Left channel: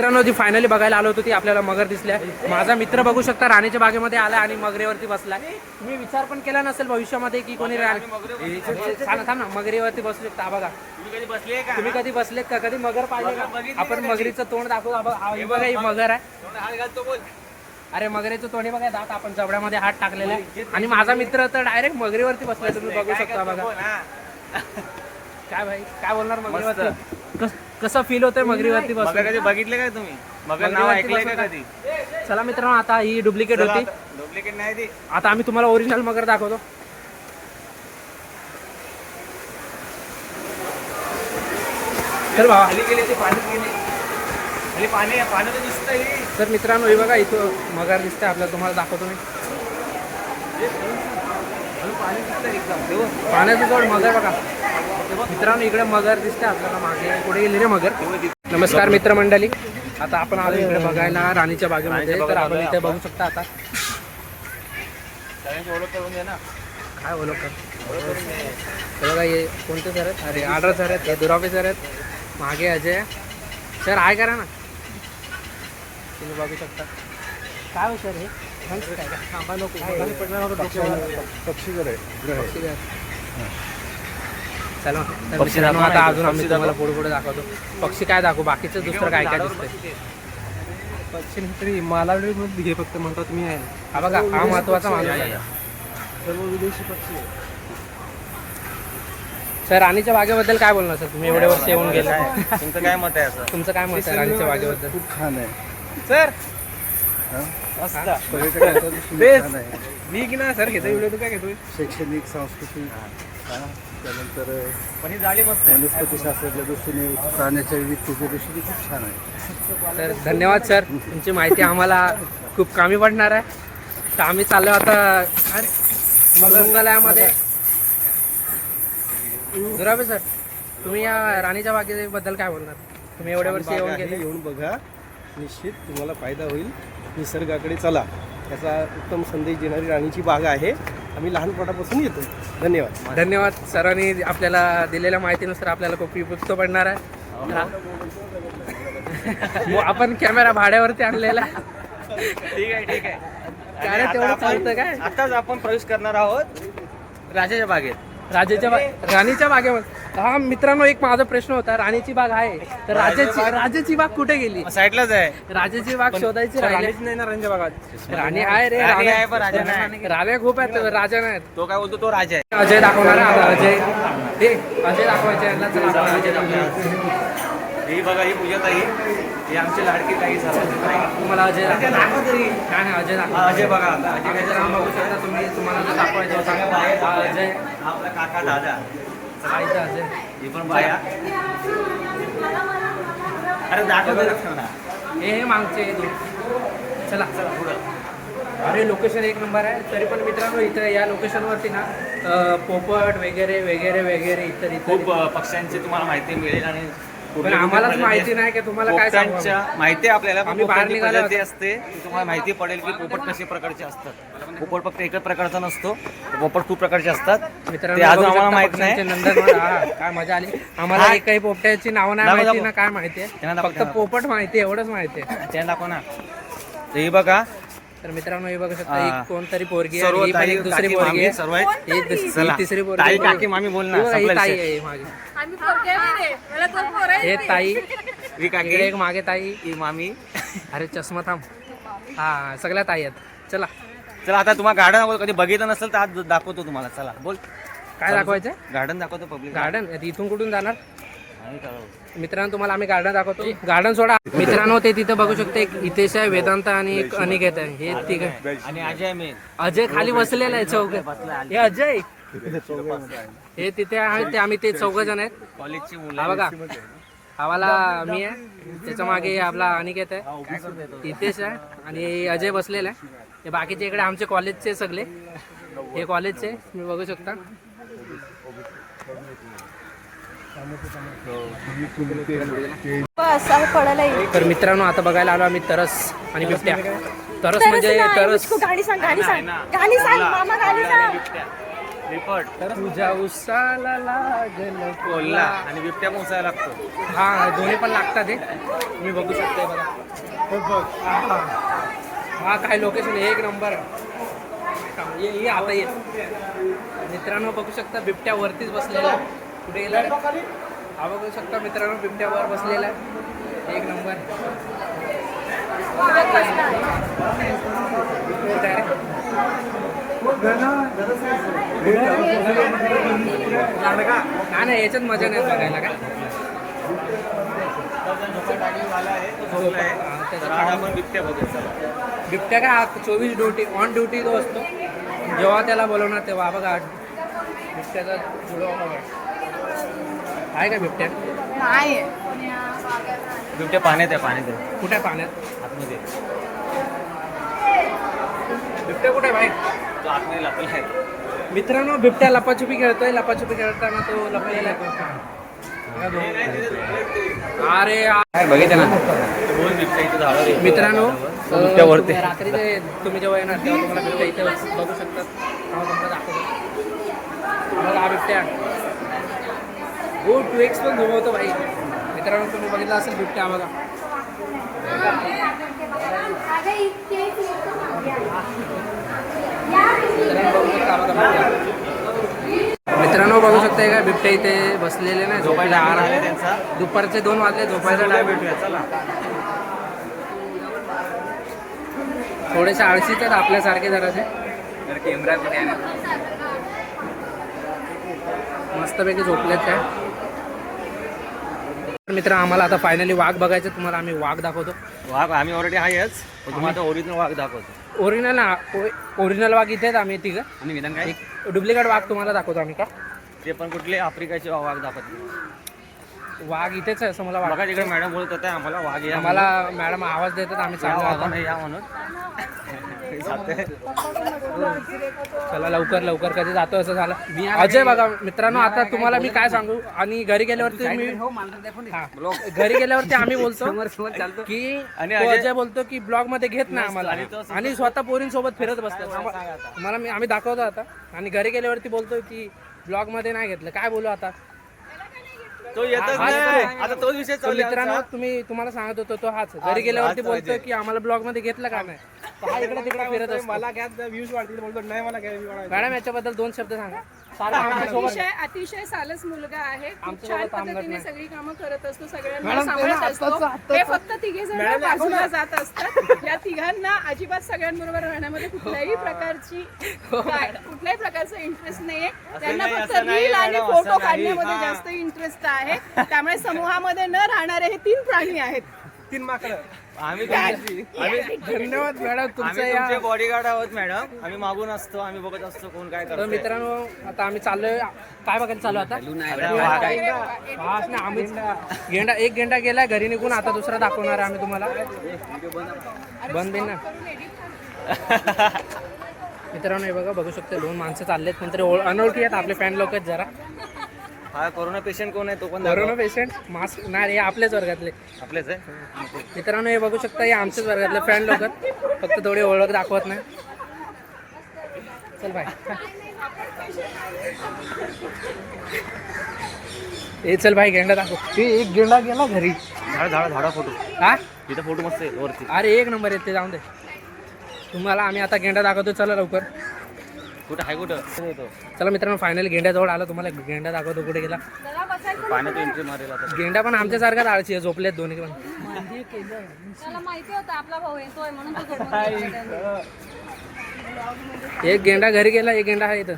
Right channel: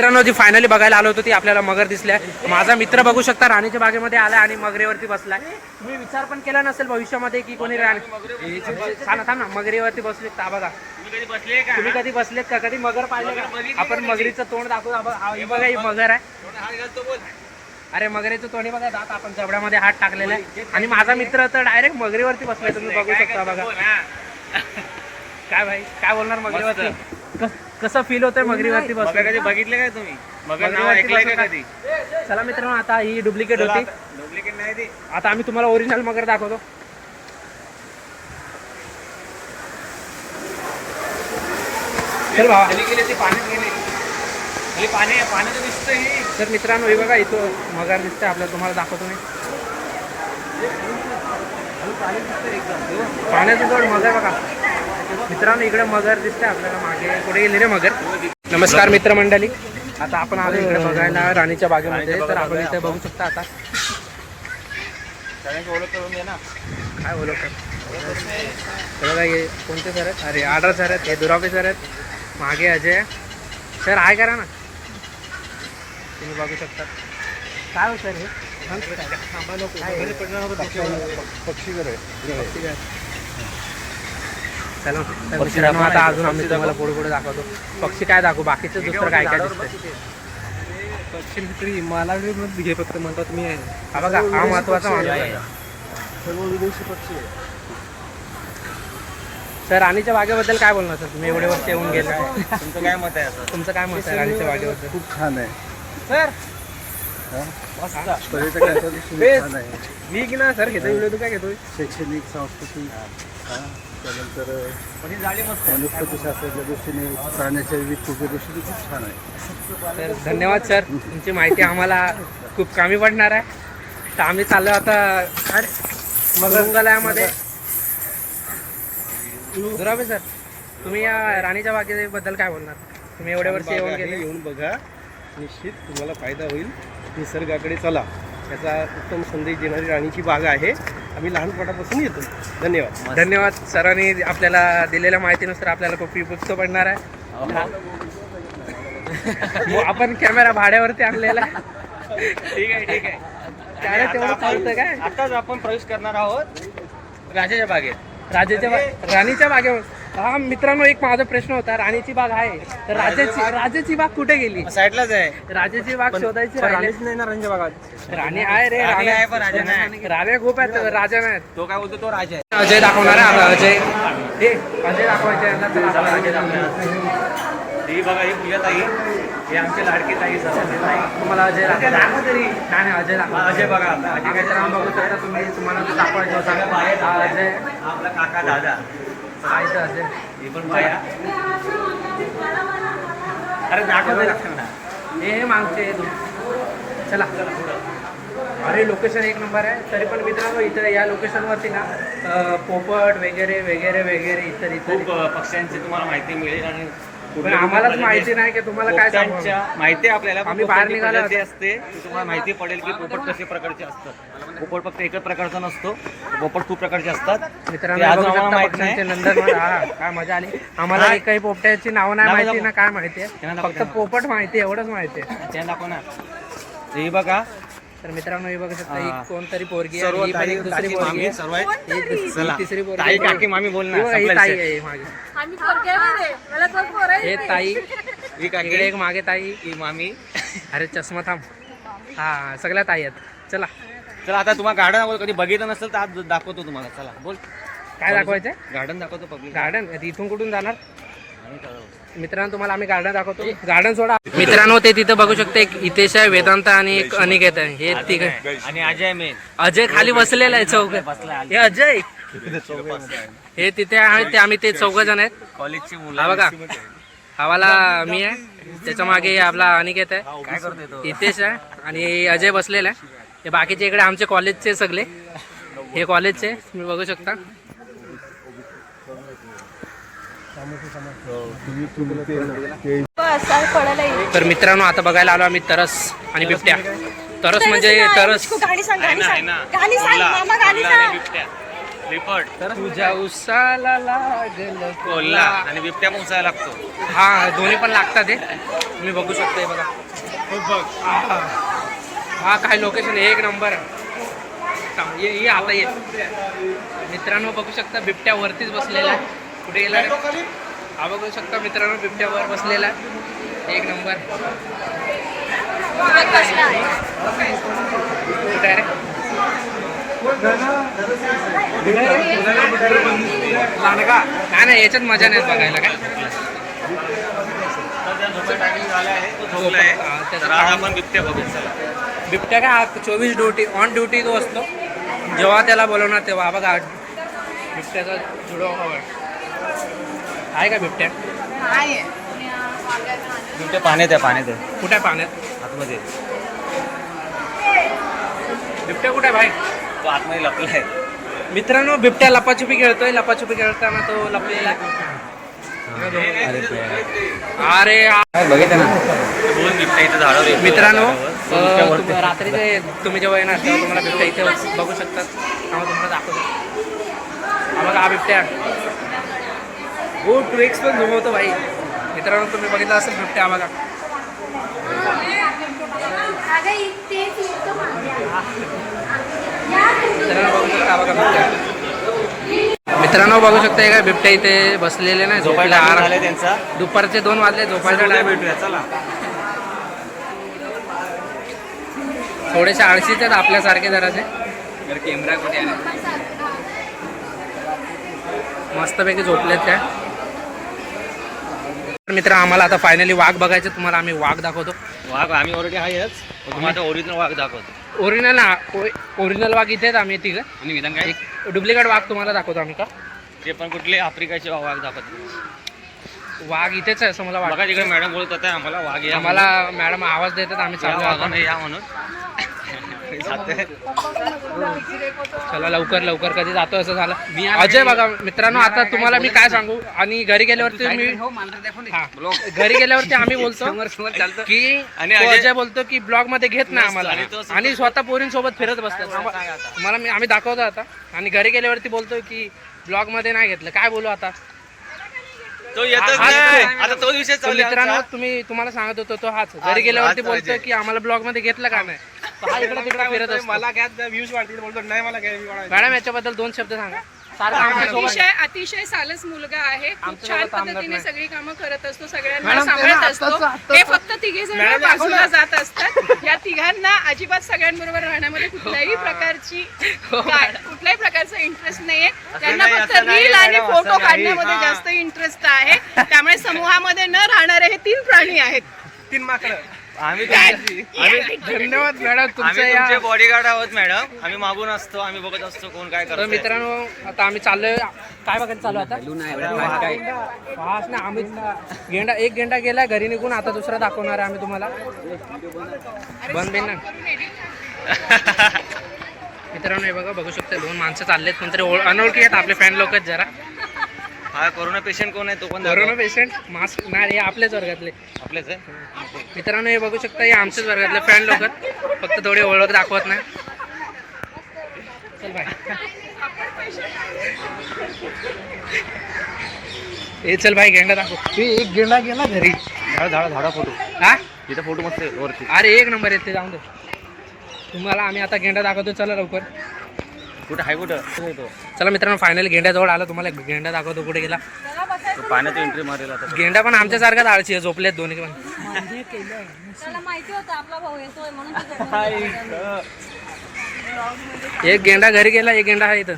मित्रांनो जी फायनली बघायला आलो होतो ती आपल्याला मगर दिसल्या. माझा मित्र बघू शकता राणीच्या बागेमध्ये आला आणि मगरीवरती बसलाय. तुम्ही विचार पण केला नसेल भविष्यामध्ये की कोणी थांब ना मगरीवरती बसू शकता. बघा तुम्ही कधी बसलेत का? कधी मगर पाहिले का? आपण मगरीचं तोंड दाखवू. बघा ही मगर आहे. अरे मगरीचं तोंड बघा, दात आपण जबड्यामध्ये हात टाकलेला आहे आणि माझा मित्र तर डायरेक्ट मगरीवरती बसलाय. तुम्ही बघू शकता. बघा काय भाई काय बोलणार मगरीवरती? कसं फील होतंय मगरीवरती बसून? कधी बघितलं काय तुम्ही मगरीवरती बसून कधी? चला मित्रांनो आता ही डुप्लिकेट होती. डुप्लिकेट नाही ती. आता आम्ही तुम्हाला ओरिजिनल मगर दाखवतो. चल भावा पाणी पाणी तर दिसतंय. तर मित्रांनो हे बघा इथं मगर दिसते आपल्याला. तुम्हाला दाखवतो मी. पाण्याचं जवळ मगर बघा मित्रांनो. इकडे मगर दिसते आपल्याला. मागे कुठे गेली रे मगर? नमस्कार मित्रमंडळी. आता आपण आलो इकडे बघायला राणीच्या बागेमध्ये. तर आपण इथे बघू शकता. आता ओळख करून दे ना. काय ओळख कर? हे बघा हे कोणते सर आहेत? अरे आडर सर आहेत. हे दुरावे सर आहेत. मागे अजय सर आहे. करा ना तुम्ही बघू शकता. काय हो सर हे पक्षीघर. चला तर मित्रांनो आता अजून आम्ही तुम्हाला पुढे पुढे दाखवतो. पक्षी काय दाखवू? बाकीचं दुसरं काय काय दिसतंय? पक्षी मित्री मालावडी घे फक्त म्हणतात मी. हा बघा हा महत्वाचा माणूस आहे. सर्व विदेशी पक्षी आहे. सर राणीच्या बागेबद्दल काय बोलणार सर? तुम्ही एवढे वर्ष येऊन गेले. तुमचं काय मत आहे? तुमचं काय मत आहे राणीच्या बागेबद्दल? खूप छान आहे सर. पर्यटकांच्या दृष्टीने छान आहे. मी की ना सर घेतो व्हिडिओ. तू काय घेतोय? शैक्षणिक सांस्कृतिक त्यानंतर वनस्पतीशास्त्राच्या दृष्टीने प्राण्याच्या विविधतेच्या दृष्टीने खूप छान आहे. तर धन्यवाद सर. तुमची माहिती आम्हाला खूप कमी पडणार आहे. तर आम्ही चाललो आता मृगालयामध्ये. दुरावे सर तुम्ही या राणीच्या बागेबद्दल काय बोलणार? तुम्ही एवढे वर्ष येऊन गेले. येऊन बघा, निश्चित तुम्हाला फायदा होईल. निसर्गाकडे चला. याचा उत्तम संदेश देणारी राणीची बाग आहे. आम्ही लहानपणापासून येतो. धन्यवाद. धन्यवाद सरांनी आपल्याला दिलेल्या माहितीनुसार आपल्याला खूप उपयुक्त पडणार आहे. आपण कॅमेरा भाड्यावरती आणलेला. ठीक आहे ठीक आहे. काय तेवढं चालतं काय? आताच आपण प्रवेश करणार आहोत राजाच्या बागेत. राणीच्या बागेवर. हा मित्रांनो एक माझा प्रश्न होता. राणीची बाग आहे तर राजाची बाग कुठे गेली? साईडलाच आहे. राजाची बाग शोधायची. राणीच नाही ना राणीच्या बागात. राणी आहे रे. आहे पण राजा नाही. राण्या खूप आहेत, राजा नाही. तो काय बोलतो? तो राजा आहे. अजय दाखवणार आहे आता. अजय दाखवायचे. अजय दाखवणार. ही बघा ही पूजा ताई. ही आमची लाडकी ताई. तुम्हाला अजय दाखवणार. नाही अजय दाखवा. अजय बघा. मित्रांनो बघू शकता तुम्ही. तुम्हाला जो दाखवायचा होता हा अजय. आपला काका दादा. इथं अजय. ही पण बाया. अरे दाखव ना. हे मागचे हे दोन. चला. अरे लोकेशन एक नंबर आहे. तरी पण मित्रांनो इथं या लोकेशनवरती ना पोपट वगैरे वगैरे वगैरे इतर खूप पक्ष्यांची तुम्हाला माहिती मिळेल. आणि पण आम्हालाच माहिती नाही की तुम्हाला काय सांगू. माहिती आपल्याला आम्ही बाहेर निघालो असते. तुम्हाला माहिती पडेल की पोपट कशा प्रकारचे असतात. पोपट फक्त एकच प्रकारचा नसतो. पोपट खूप प्रकारचे असतात. मित्रांनो बघू शकता पक्ष्यांचे नंदनवन. हा काय मजा आली. आम्हाला काही पोपट्याची नावं नाही माहिती ना काय माहिती आहे. फक्त पोपट माहिती एवढंच माहिती आहे. त्या दाखव ना. हे बघा. तर मित्रांनो हे बघू शकता ही कोणतरी पोरगी आहे. ही पण एक दुसरी पोरगी आहे. ही तिसरी पोरगी. काकी मामी बोल ना. ही ताई आहे माझी. हे ताई. इकडे एक मागे ताई. ही मामी. अरे चष्मा थांब. हा सगळ्या ताई आहेत. चला चला आता तुम्हाला गार्डन कधी बघितलं नसेल तर आज दाखवतो तुम्हाला. चला बोल. काय दाखवायचं? गार्डन दाखवतो. Public garden. इथून कुठून जाणार? मित्रांनो तुम्हाला आम्ही गार्डन दाखवतो. गार्डन सोडा. मित्रांनो ते तिथं बघू शकते. एक हितेश आहे, वेदांत आणि एक अनिकेत आहे. हे तिघ. आणि अजय मेन. अजय खाली बसलेला आहे. चौघ. हे अजय. हे तिथे आहे ते. आम्ही ते 4 जण आहेत. कॉलेजची मुलं. हा बघा हवाला मी आहे. त्याच्या मागे आपला अनिकेत आहे, हितेश आहे आणि अजय बसलेला आहे. हे बाकीचे इकडे आमचे कॉलेजचे सगळे. हे कॉलेजचे तुम्ही बघू शकता. तर मित्रांनो आता बघायला आलो आम्ही तरस आणि बिबट्या. तरस म्हणजे तरस. रिपोर्ट तुझ्या उसाला लागल कोल्हा आणि बिबट्या पण उसायला लागतो. हा दोन्ही पण लागतात हे तुम्ही बघू शकता हे बघा. हा काय लोकेशन एक नंबर ये आता ये मित्रांनो बघू शकता बिबट्या वरतीच बसलेला आहे. कुठे गेला रे हा बघू शकता मित्रांनो बिबट्या वर बसलेला आहे एक नंबर. कुठे आहे रे नाही नाही याच्यात मजा नाही बघायला काय हा, त्याचं तर आज आपण बिबट्या बघूया चला. बिबट्या काय 24 ड्युटी ऑन ड्युटी तो असतो जेव्हा त्याला बोलवणार तेव्हा. बघा बिबट्याचा जुडो आहे का बिबट्या बिबट्या पाण्यात आहे पाण्यात आहे कुठे आहे पाण्यात आतमध्ये. बिबट्या कुठे आहे भाई तो आतमध्ये लपला आहे. मित्रांनो बिबट्या लपाछुपी खेळतोय. लपाछुपी खेळताना तो लपलेला आहे. अरे दोन बिबट्या इथे झाडावर मित्रांनो रात्रीचे तुम्ही जेव्हा येणार तेव्हा तुम्हाला बिबट्या इथे बघू शकतात. आम्हाला तुम्हाला दाखवतो. हा बघा हा बिबट्या हो 2x पण घुमवतो भाई. मित्रांनो तुम्ही बघितलं असेल बिबट्या बघा. मित्रांनो बघू शकता का बिबट्या इथे बसलेले नाही झोपायला आराम. त्यांचा दुपारचे 2 वाजले झोपायचा टाइम. भेटूया चला. थोडेसे आळशीच आहेत आपल्यासारखे जरासे. कॅमेरा कुठे मस्तपैकी झोपलेत काय. मित्र आम्हाला आता फायनली वाघ बघायचं. तुम्हाला आम्ही वाघ दाखवतो. वाघ आम्ही ऑलरेडी आहेच पण तुम्हाला ओरिजिनल वाघ दाखवतो. ओरिजिनल वाघ इथेच आम्ही तिघं. आणि निघालं काय एक डुप्लिकेट वाघ तुम्हाला दाखवतो आम्ही का. ते पण कुठले आफ्रिकाचे वाघ दाखवतो. वाघ इथेच आहे असं मला बघा वाटतं. तिकडे मॅडम बोलत होत्या आम्हाला वाघ या आम्हाला मॅडम आवाज देतात आम्ही चाललो आता. म्हणून. या म्हणून जाते. चला लवकर लवकर कधी जातो असं झालं. अजय बघा मित्रांनो आता तुम्हाला मी काय सांगू आणि घरी गेल्यावरती मी हा, घरी गेल्यावरती आम्ही बोलतो की तो अजय बोलतो की ब्लॉग मध्ये घेत नाही आम्हाला आणि स्वतः पोरींसोबत फिरत बसतात. तुम्हाला आम्ही दाखवतो आता आणि घरी गेल्यावरती बोलतो की ब्लॉग मध्ये नाही घेतलं. काय बोलू आता. तो येतच नाही. आता तो विषय तो चालू आहे मित्रांनो आमचा. तुम्हाला सांगत होतो तो हाच घरी गेल्यावरती बोलतोय की आम्हाला ब्लॉग मध्ये घेतलं का नाही. तो हा इकडे तिकडे फिरत असतो. मला काय व्ह्यूज वाढतील बोलतो नाही मला काय मॅडम याच्याबद्दल 2 शब्द सांगा. सारखं आमच्यासोबत अतिशय सालस मुलगा आहे. खूप आमच्यासोबत छान थांबत पद्धतीने नाही. सगळी कामं करत असतो. सगळ्यांना सांभाळत असतो. हे फक्त तिघे जण बाजूला जात असतात. या तिघांना अजिबात सगळ्यांबरोबर राहण्यामध्ये कुठल्याही प्रकारचा इंटरेस्ट नाहीये. त्यांना फक्त रील आणि फोटो काढण्यामध्ये जास्त इंटरेस्ट आहे. त्यामुळे समूहामध्ये न राहणारे हे 3 प्राणी आहेत. 3 माकडं. आम्ही धन्यवाद मॅडम तुमचं तुमचे या. बॉडीगार्ड आहोत मॅडम. आम्ही मागून असतो आम्ही बघत असतो कोण काय तर करतो. मित्रांनो आता आम्ही चाललोय काय बघायला चालू आता फास्ट नाही आम्ही एक गेंडा गेलाय घरी निघून. आता दुसरा दाखवणार आहे आम्ही तुम्हाला. बंद बिन ना मित्रांनो हे बघा बघू शकता 2 माणसं चाललेत. कोणतरी अनोळखी आहेत आपले फॅन लोक जरा. हा कोरोना पेशंट कोण आहे तो पण कोरोना पेशंट मास्क नाही हे आपल्याच वर्गातले. आपलेच आहे. मित्रांनो हे बघू शकता हे आमच्याच वर्गातले फॅन लोक फक्त थोडी ओळख दाखवत नाही. चल बाय हे चल भाई गेंडा दाखव. एक गेंडा गेला घरी. झाडा फोटो. हा इथं फोटो मस्त आहे वरती. अरे एक नंबर येते जाऊन दे. तुम्हाला आम्ही आता गेंडा दाखवतो. चला लवकर. कुठं आहे कुठं चला मित्रांनो फायनली गेंड्याजवळ आलो. तुम्हाला गेंडा दाखवतो कुठे गेला. पाण्यात एंट्री मारेल आता. गेंडा पण आमच्यासारखाच आळशी आहे. झोपलेत दोन्ही पण. एक गेंडा घरी गेला एक गेंडा आहे इथं.